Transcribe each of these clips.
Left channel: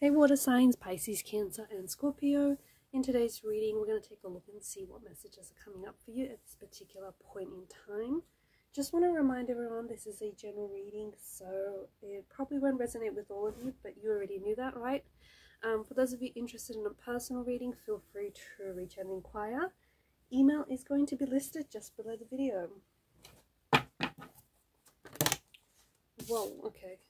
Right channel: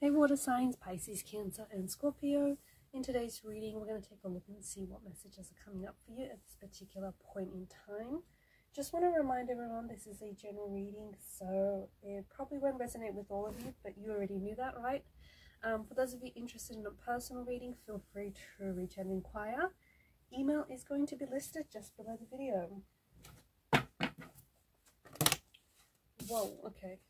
Hey water signs, Pisces, Cancer and Scorpio. In today's reading, we're going to take a look and see what messages are coming up for you at this particular point in time. Just want to remind everyone this is a general reading, so it probably won't resonate with all of you, but you already knew that, right? For those of you interested in a personal reading, feel free to reach out and inquire. Email is going to be listed just below the video. Whoa, okay.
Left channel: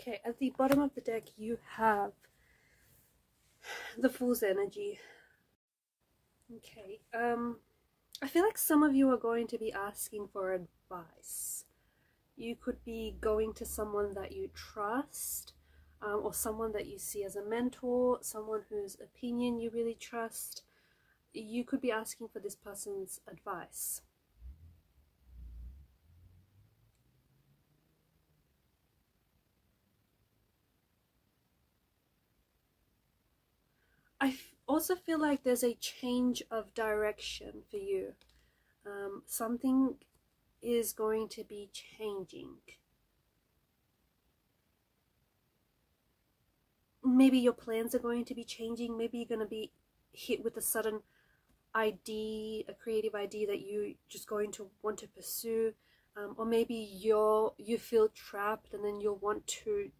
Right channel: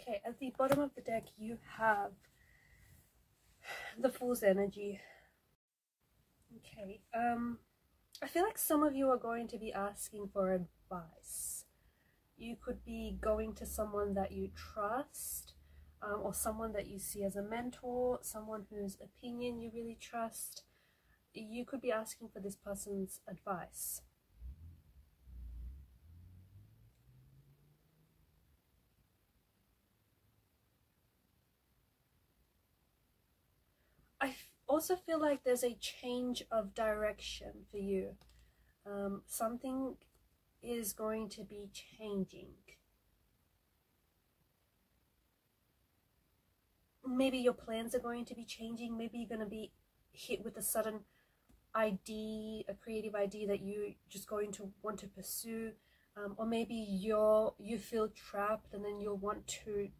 Okay, at the bottom of the deck you have the Fool's energy. Okay, I feel like some of you are going to be asking for advice. You could be going to someone that you trust, or someone that you see as a mentor, someone whose opinion you really trust. You could be asking for this person's advice. I also feel like there's a change of direction for you. Something is going to be changing. Maybe your plans are going to be changing. Maybe you're going to be hit with a sudden idea, a creative idea that you're just going to want to pursue. Or maybe you feel trapped and then you'll want to,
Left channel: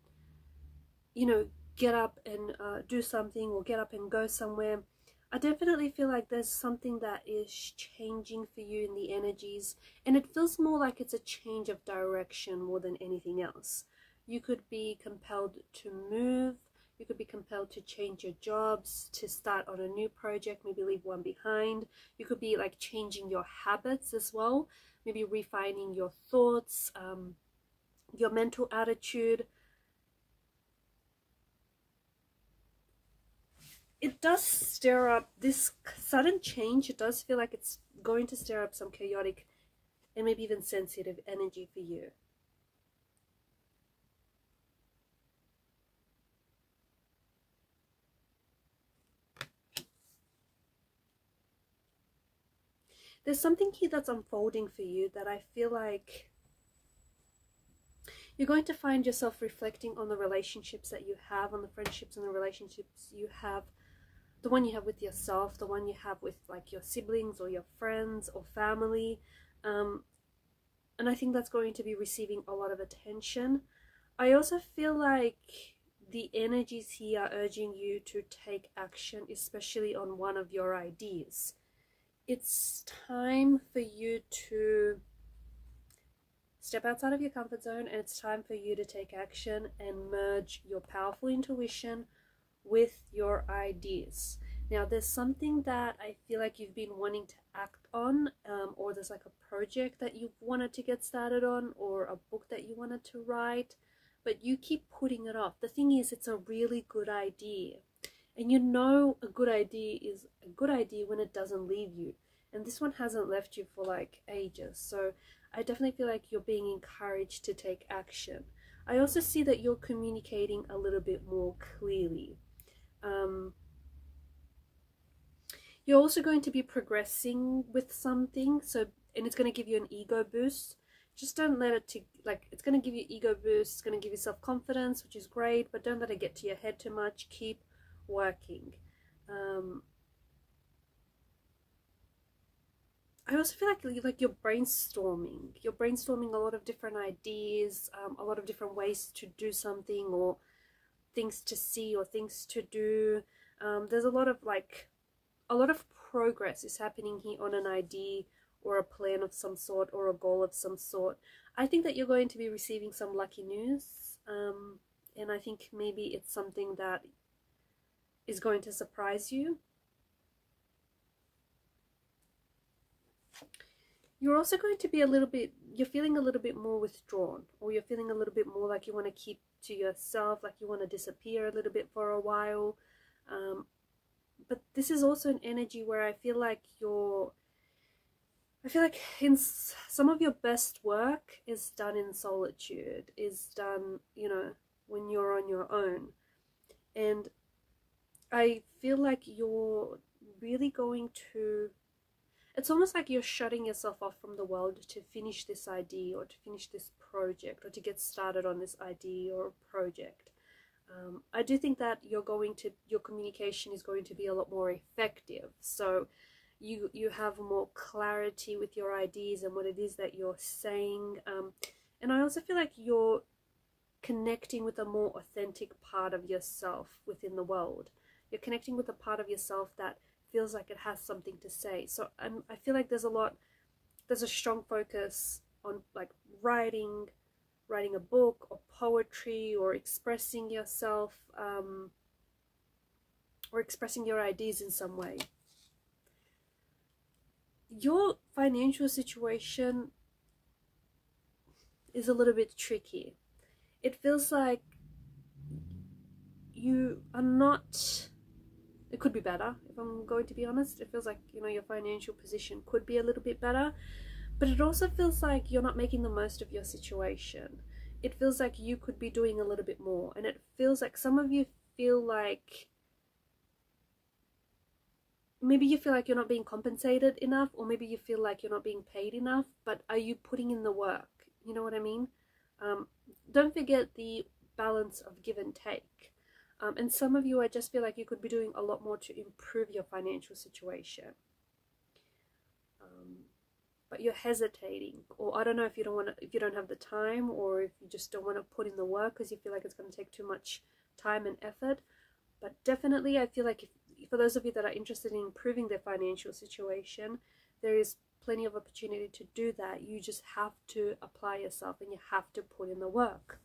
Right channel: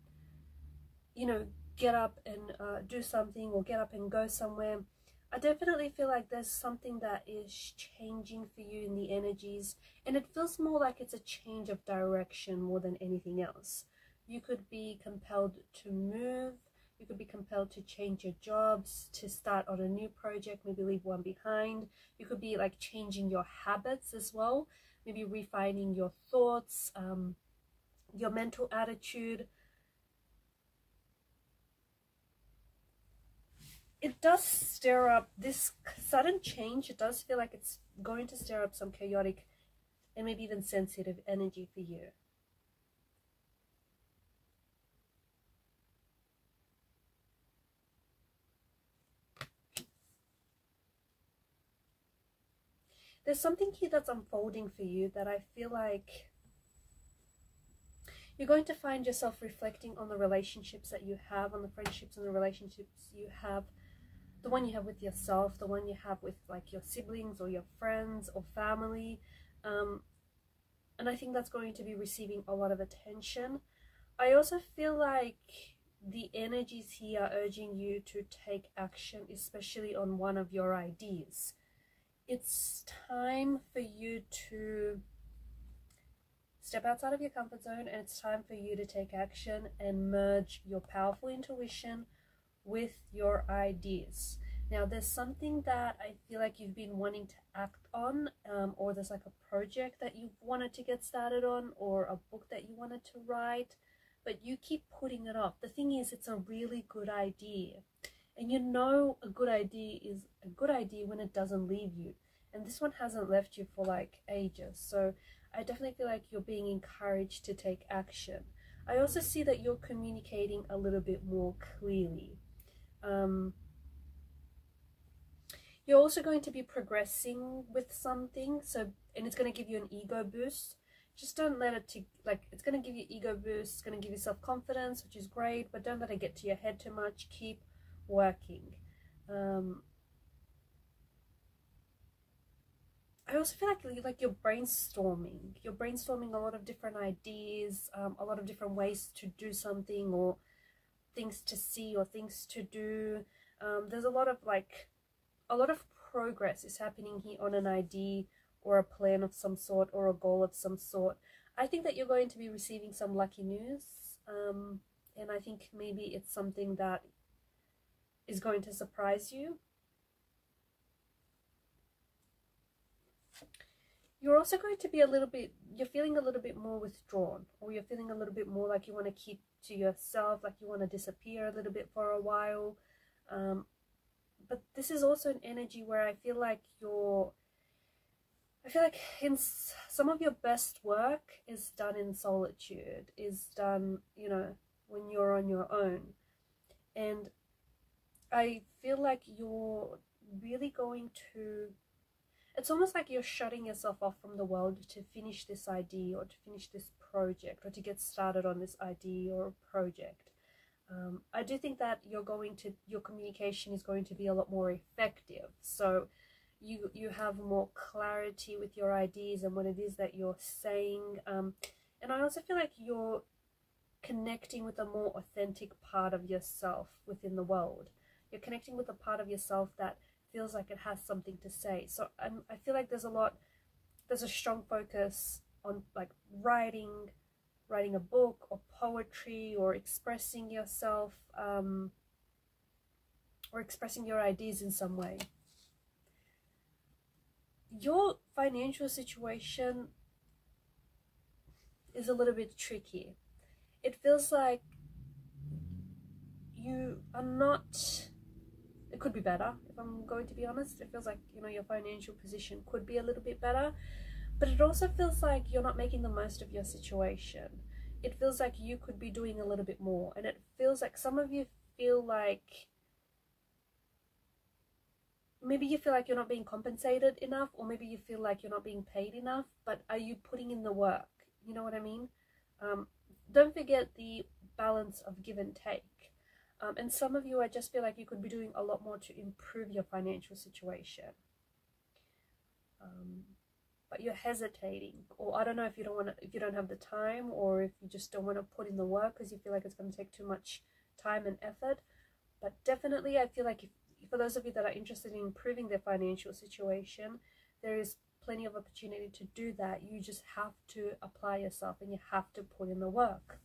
get up and do something, or get up and go somewhere. I definitely feel like there's something that is changing for you in the energies, and it feels more like it's a change of direction more than anything else. You could be compelled to move, you could be compelled to change your jobs, to start on a new project, maybe leave one behind. You could be like changing your habits as well, maybe refining your thoughts, your mental attitude. It does stir up this sudden change. It does feel like it's going to stir up some chaotic and maybe even sensitive energy for you. There's something here that's unfolding for you that I feel like you're going to find yourself reflecting on the relationships that you have, on the friendships and the relationships you have. The one you have with yourself, the one you have with like your siblings or your friends or family. And I think that's going to be receiving a lot of attention. I also feel like the energies here are urging you to take action, especially on one of your ideas. It's time for you to step outside of your comfort zone, and it's time for you to take action and merge your powerful intuition with your ideas. Now there's something that I feel like you've been wanting to act on, or there's like a project that you wanted to get started on, or a book that you wanted to write, but you keep putting it off. The thing is, it's a really good idea, and you know a good idea is a good idea when it doesn't leave you, and this one hasn't left you for like ages. So I definitely feel like you're being encouraged to take action. I also see that you're communicating a little bit more clearly. You're also going to be progressing with something, and it's going to give you an ego boost. Just don't let it it's going to give you ego boost, it's going to give you self-confidence, which is great, but don't let it get to your head too much. Keep working. I also feel like you're brainstorming. You're brainstorming a lot of different ideas, a lot of different ways to do something, or things to see, or things to do. There's a lot of progress is happening here on an idea or a plan of some sort, or a goal of some sort. I think that you're going to be receiving some lucky news, and I think maybe it's something that is going to surprise you. you're also going to be a little bit, you're feeling a little bit more withdrawn, or you're feeling a little bit more like you want to keep to yourself, like you want to disappear a little bit for a while. But this is also an energy where I feel like in some of your best work is done in solitude, is done, you know, when you're on your own. And I feel like you're really going to, it's almost like you're shutting yourself off from the world to finish this idea, or to finish this project, or to get started on this idea or project. I do think that your communication is going to be a lot more effective. So you have more clarity with your ideas and what it is that you're saying. And I also feel like you're connecting with a more authentic part of yourself within the world. You're connecting with a part of yourself that feels like it has something to say. So I feel like there's a strong focus on like writing a book or poetry, or expressing yourself, or expressing your ideas in some way. Your financial situation is a little bit tricky. It feels like you are not, it could be better, if I'm going to be honest. It feels like, you know, your financial position could be a little bit better, but it also feels like you're not making the most of your situation. It feels like you could be doing a little bit more, and it feels like some of you feel like maybe you feel like you're not being compensated enough, or maybe you feel like you're not being paid enough, but are you putting in the work? You know what I mean? Don't forget the balance of give and take. And some of you, I just feel like you could be doing a lot more to improve your financial situation. But you're hesitating, or I don't know if you don't have the time, or if you just don't want to put in the work because you feel like it's going to take too much time and effort. But definitely, I feel like for those of you that are interested in improving their financial situation, there is plenty of opportunity to do that. You just have to apply yourself, and you have to put in the work,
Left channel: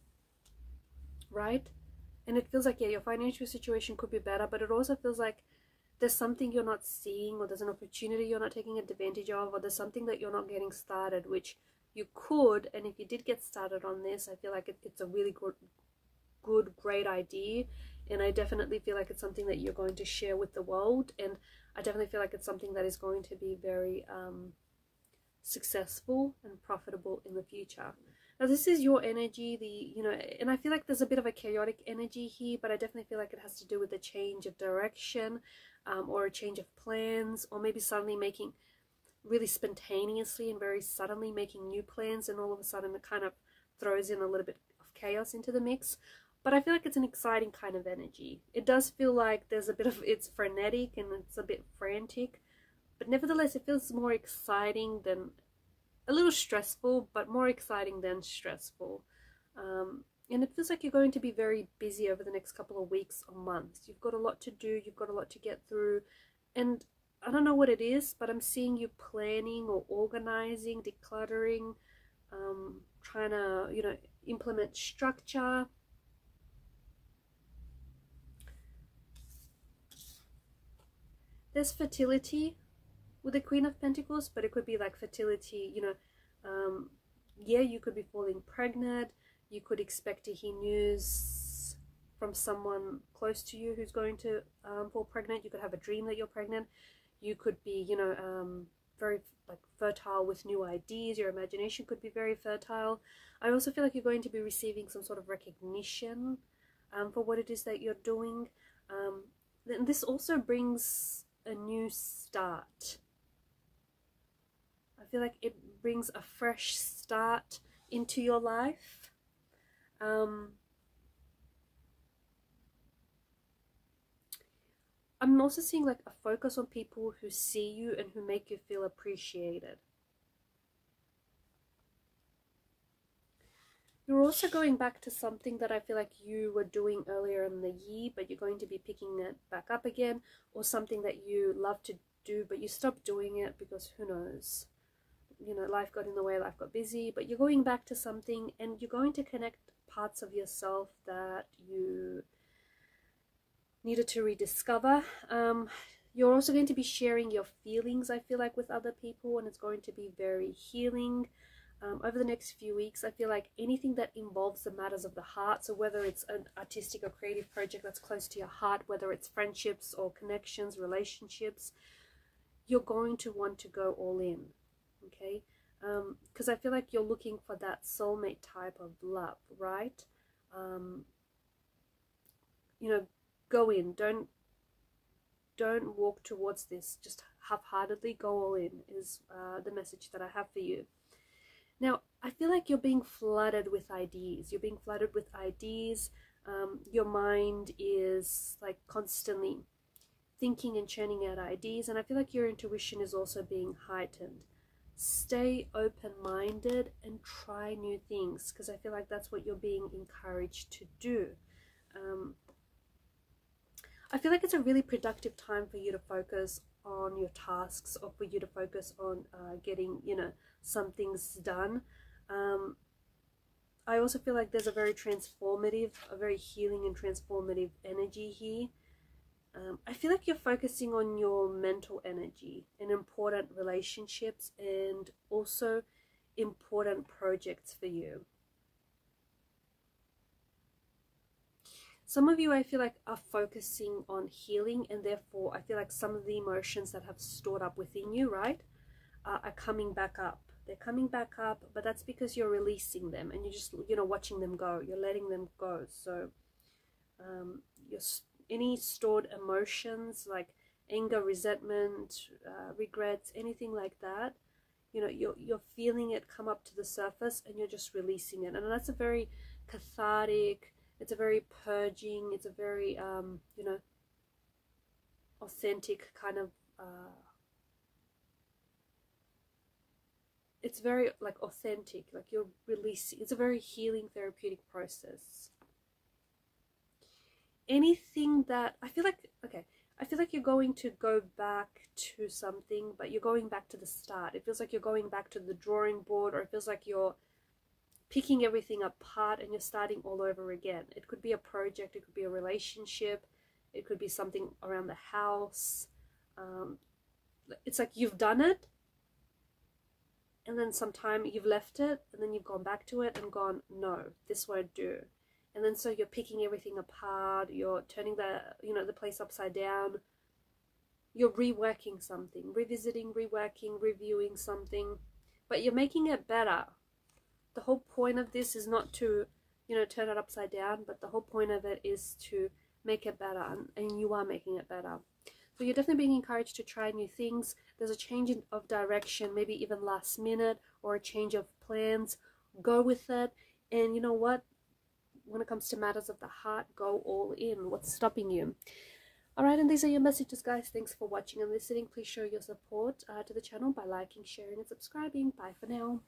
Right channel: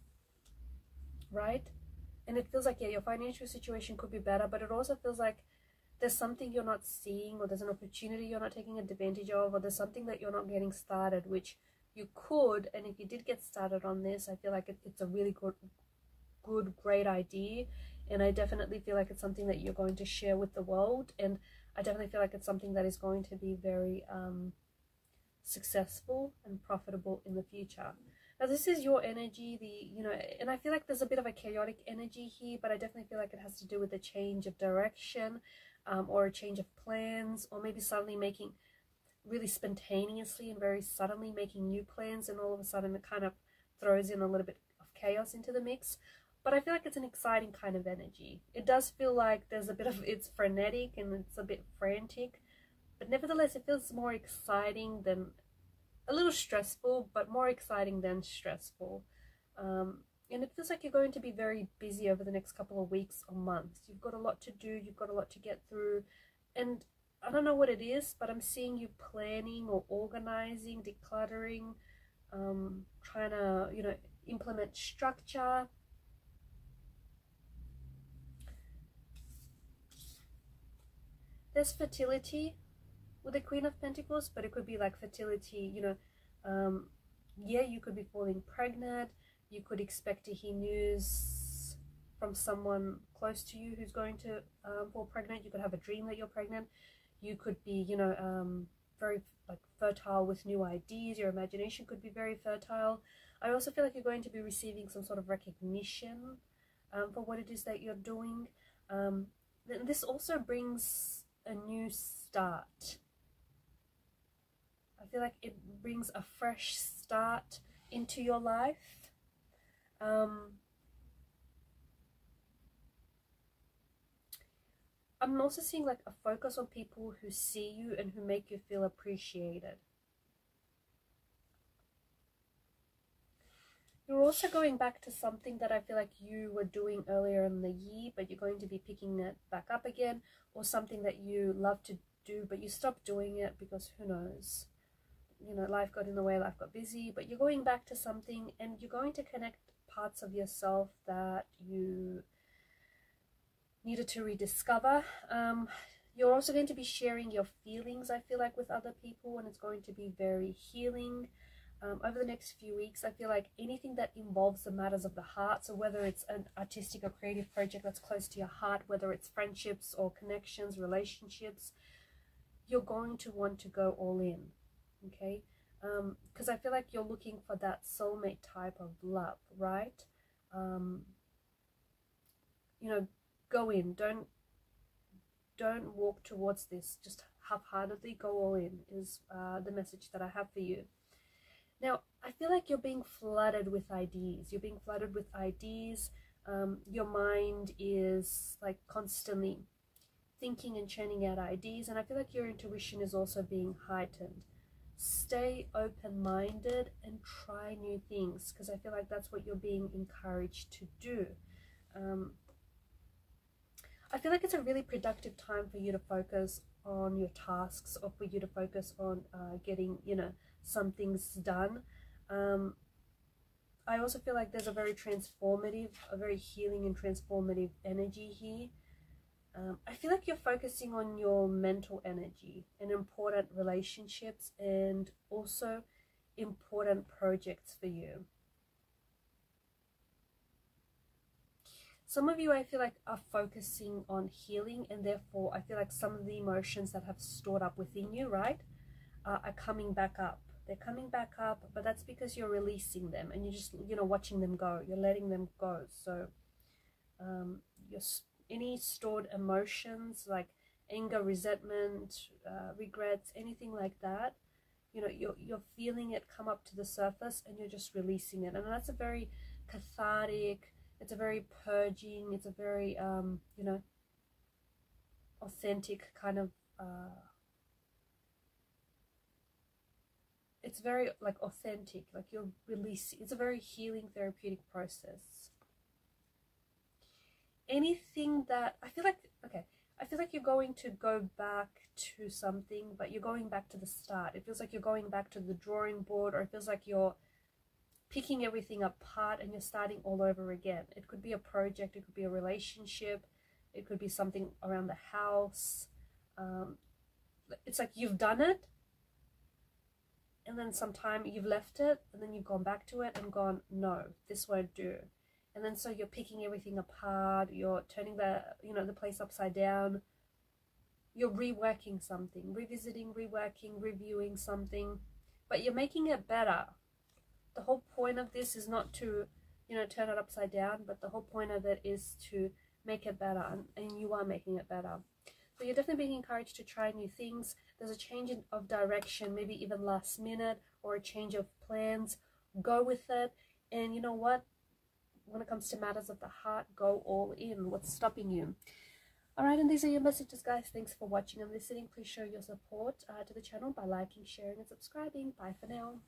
right? And it feels like, yeah, your financial situation could be better, but it also feels like there's something you're not seeing, or there's an opportunity you're not taking advantage of, or there's something that you're not getting started, which you could. And if you did get started on this, I feel like it's a really great idea. And I definitely feel like it's something that you're going to share with the world. And I definitely feel like it's something that is going to be very successful and profitable in the future. Now, this is your energy, and I feel like there's a bit of a chaotic energy here, but I definitely feel like it has to do with a change of direction, or a change of plans, or maybe suddenly making, really spontaneously and very suddenly making new plans, and all of a sudden it kind of throws in a little bit of chaos into the mix. But I feel like it's an exciting kind of energy. It does feel like there's a bit of, it's frenetic and it's a bit frantic, but nevertheless it feels more exciting than, a little stressful, but more exciting than stressful. And it feels like you're going to be very busy over the next couple of weeks or months. You've got a lot to do, you've got a lot to get through, and I don't know what it is, but I'm seeing you planning or organizing, decluttering, trying to, implement structure. There's fertility with the Queen of Pentacles, but it could be like fertility, yeah, you could be falling pregnant. You could expect to hear news from someone close to you who's going to fall pregnant. You could have a dream that you're pregnant. You could be, very like fertile with new ideas. Your imagination could be very fertile. I also feel like you're going to be receiving some sort of recognition for what it is that you're doing. And this also brings a new start. I feel like it brings a fresh start into your life. I'm also seeing like a focus on people who see you and who make you feel appreciated. You're also going back to something that I feel like you were doing earlier in the year, but you're going to be picking it back up again, or something that you love to do, but you stopped doing it because who knows, life got in the way, life got busy, but you're going back to something, and you're going to connect parts of yourself that you needed to rediscover. You're also going to be sharing your feelings, I feel like, with other people, and it's going to be very healing. Over the next few weeks, I feel like anything that involves the matters of the heart, so whether it's an artistic or creative project that's close to your heart, whether it's friendships or connections, relationships, you're going to want to go all in, okay? Because I feel like you're looking for that soulmate type of love, right? You know, go in. Don't walk towards this just half-heartedly. Go all in is the message that I have for you. Now, I feel like you're being flooded with ideas. You're being flooded with ideas. Your mind is like constantly thinking and churning out ideas, and I feel like your intuition is also being heightened. Stay open-minded and try new things, because I feel like that's what you're being encouraged to do. I feel like it's a really productive time for you to focus on your tasks, or for you to focus on getting, you know, some things done. I also feel like there's a very transformative, a very healing and transformative energy here. I feel like you're focusing on your mental energy and important relationships, and also important projects for you. Some of you, I feel like, are focusing on healing, and therefore I feel like some of the emotions that have stored up within you, right, are coming back up. They're coming back up, but that's because you're releasing them, and you're just, you know, watching them go. You're letting them go. So any stored emotions like anger, resentment, regrets, anything like that, you know, you're feeling it come up to the surface, and you're just releasing it. And that's a very cathartic, it's a very purging, it's a very you know, authentic kind of it's very like authentic, like you're releasing. It's a very healing, therapeutic process. Anything that I feel like, okay, I feel like you're going to go back to something, but you're going back to the start. It feels like you're going back to the drawing board, or it feels like you're picking everything apart and you're starting all over again. It could be a project, it could be a relationship, it could be something around the house. It's like you've done it, and then sometime you've left it, and then you've gone back to it and gone, no, this won't do. And then so you're picking everything apart, you're turning the, you know, the place upside down. You're reworking something, revisiting, reworking, reviewing something, but you're making it better. The whole point of this is not to, you know, turn it upside down, but the whole point of it is to make it better, and you are making it better. So you're definitely being encouraged to try new things. There's a change of direction, maybe even last minute, or a change of plans. Go with it, and you know what? When it comes to matters of the heart, go all in. What's stopping you? Alright, and these are your messages, guys. Thanks for watching and listening. Please show your support to the channel by liking, sharing, and subscribing. Bye for now.